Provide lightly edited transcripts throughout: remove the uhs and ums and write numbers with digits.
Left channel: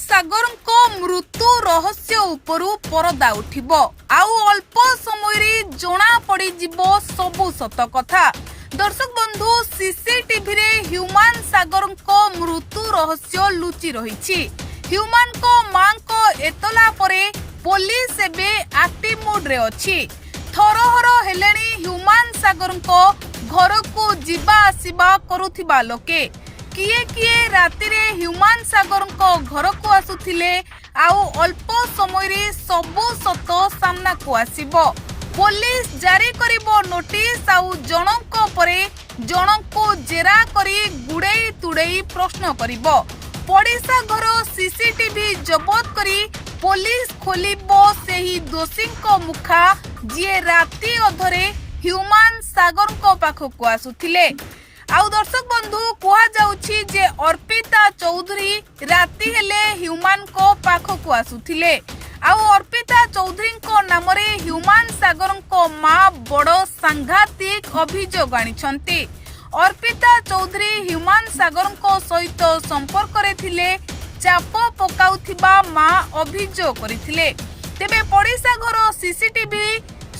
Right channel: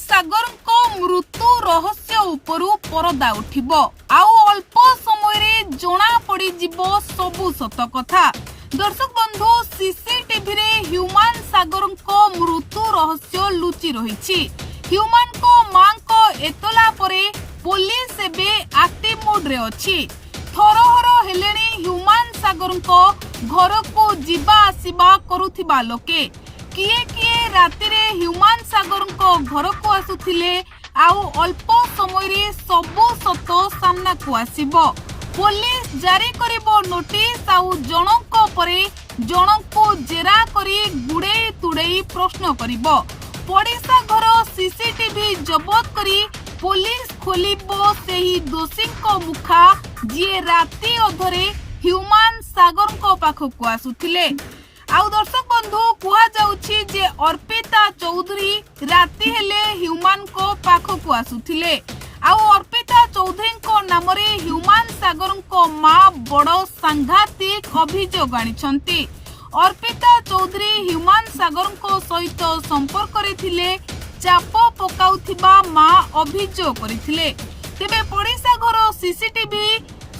ସାଗରଙ୍କ ମୃତ୍ୟୁ ରହସ୍ୟ ଉପରୁ ପରଦା ଉଠିବ ଆଉ ଅଳ୍ପ ସମୟରେ ଜଣା ପଡ଼ିଯିବ ସବୁ ସତ କଥା। ଦର୍ଶକ ବନ୍ଧୁ, ସିସିଟିଭିରେ ହ୍ୟୁମାନ ସାଗରଙ୍କ ମୃତ୍ୟୁ ରହସ୍ୟ ଲୁଚି ରହିଛି। ହ୍ୟୁମାନଙ୍କ ମାଙ୍କ ଏତଲା ପରେ ପୋଲିସ ଏବେ ଆକ୍ଟିଭ ମୋଡରେ ଅଛି। ଥରହର ହେଲେଣି ହ୍ୟୁମାନ ସାଗରଙ୍କ ଘରକୁ ଯିବା ଆସିବା କରୁଥିବା ଲୋକେ। କିଏ କିଏ ରାତିରେ ହ୍ୟୁମାନ ସାଗରଙ୍କ ଘରକୁ ଆସୁଥିଲେ ଆଉ ଅଳ୍ପ ସମୟରେ ସବୁ ସତ ସାମ୍ନାକୁ ଆସିବ। ପୋଲିସ ଜାରି କରିବ ନୋଟିସ ଆଉ ଜଣଙ୍କ ପରେ ଜଣଙ୍କୁ ଜେରା କରି ଗୁଡେଇ ତୁଡେଇ ପ୍ରଶ୍ନ କରିବ। ପଡ଼ିଶା ଘର ସିସିଟିଭି ଜବତ କରି ପୋଲିସ ଖୋଲିବ ସେହି ଦୋଷୀଙ୍କ ମୁଖା ଯିଏ ରାତି ଅଧରେ ହ୍ୟୁମାନ ସାଗରଙ୍କ ପାଖକୁ ଆସୁଥିଲେ। ଆଉ ଦର୍ଶକ ବନ୍ଧୁ, କୁହାଯାଉଛି ଯେ ଅର୍ପିତା ଚୌଧୁରୀ ରାତି ହେଲେ ହ୍ୟୁମାନଙ୍କ ପାଖକୁ ଆସୁଥିଲେ ଆଉ ଅର୍ପିତା ଚୌଧୁରୀଙ୍କ ନାମରେ ହ୍ୟୁମାନ ସାଗରଙ୍କ ମା ବଡ଼ ସାଂଘାତିକ ଅଭିଯୋଗ ଆଣିଛନ୍ତି। ଅର୍ପିତା ଚୌଧୁରୀ ହ୍ୟୁମାନ ସାଗରଙ୍କ ସହିତ ସମ୍ପର୍କରେ ଥିଲେ, ଚାପ ପକାଉଥିବା ମା ଅଭିଯୋଗ କରିଥିଲେ। ତେବେ ପଡ଼ିଶା ଘର ସିସିଟିଭି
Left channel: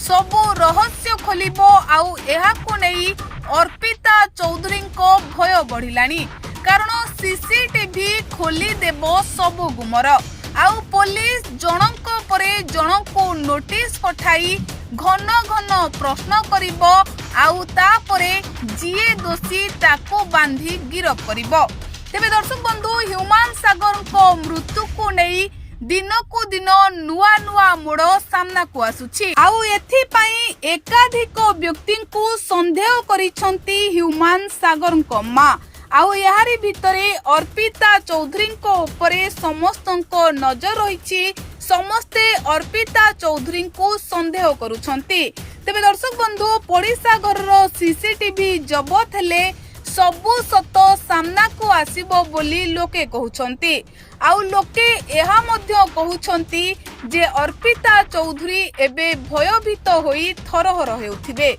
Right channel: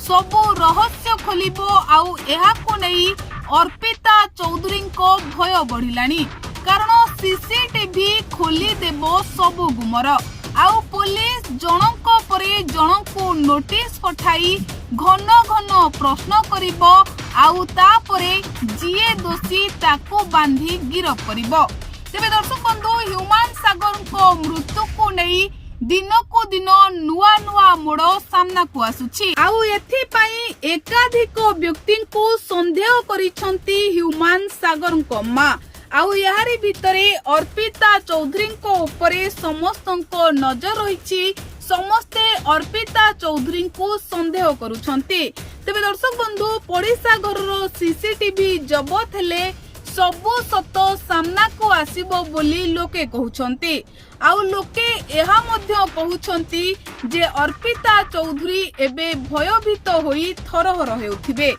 ସବୁ ରହସ୍ୟ ଖୋଲିବ ଆଉ ଏହାକୁ ନେଇ ଅର୍ପିତା ଚୌଧୁରୀଙ୍କ ଭୟ ବଢିଲାଣି। କାରଣ ସିସିଟିଭି ଖୋଲିଦେବ ସବୁ ଗୁମର ଆଉ ପୋଲିସ ଜଣଙ୍କ ପରେ ଜଣଙ୍କୁ ନୋଟିସ ପଠାଇ ଘନ ଘନ ପ୍ରଶ୍ନ କରିବ ଆଉ ତାପରେ ଯିଏ ଦୋଷୀ ତାକୁ ବାନ୍ଧି ଗିରଫ କରିବ। ତେବେ ଦର୍ଶକ ବନ୍ଧୁ, ହ୍ୟୁମାନ ସାଗରଙ୍କ ମୃତ୍ୟୁକୁ ନେଇ ଦିନକୁ ଦିନ ନୂଆ ନୂଆ ମୋଡ଼ ସାମ୍ନାକୁ ଆସୁଛି ଆଉ ଏଥିପାଇଁ ଏକାଧିକ ବ୍ୟକ୍ତିଙ୍କୁ ସନ୍ଦେହ କରିଛନ୍ତି ହ୍ୟୁମାନ ସାଗରଙ୍କ ମା। ଆଉ ଏହାରି ଭିତରେ ଅର୍ପିତା ଚୌଧୁରୀଙ୍କ ଉପରେ ସମସ୍ତଙ୍କ ନଜର ରହିଛି। ସମସ୍ତେ ଅର୍ପିତା ଚୌଧୁରୀଙ୍କୁ ସନ୍ଦେହ କରୁଛନ୍ତି। ତେବେ ଦର୍ଶକ ବନ୍ଧୁ, ପଡ଼ିଶା ଘରର ସିସିଟିଭି ଜବତ ହେଲେ ସବୁ ସତ ସାମ୍ନାକୁ ଆସିବ ବୋଲି ଲୋକେ କହୁଛନ୍ତି। ଆଉ ଲୋକେ ଏହା ମଧ୍ୟ କହୁଛନ୍ତି ଯେ ଅର୍ପିତା ଚୌଧୁରୀ ଏବେ ଭୟଭୀତ ହୋଇ ଥରହର ହେଉଥିବେ।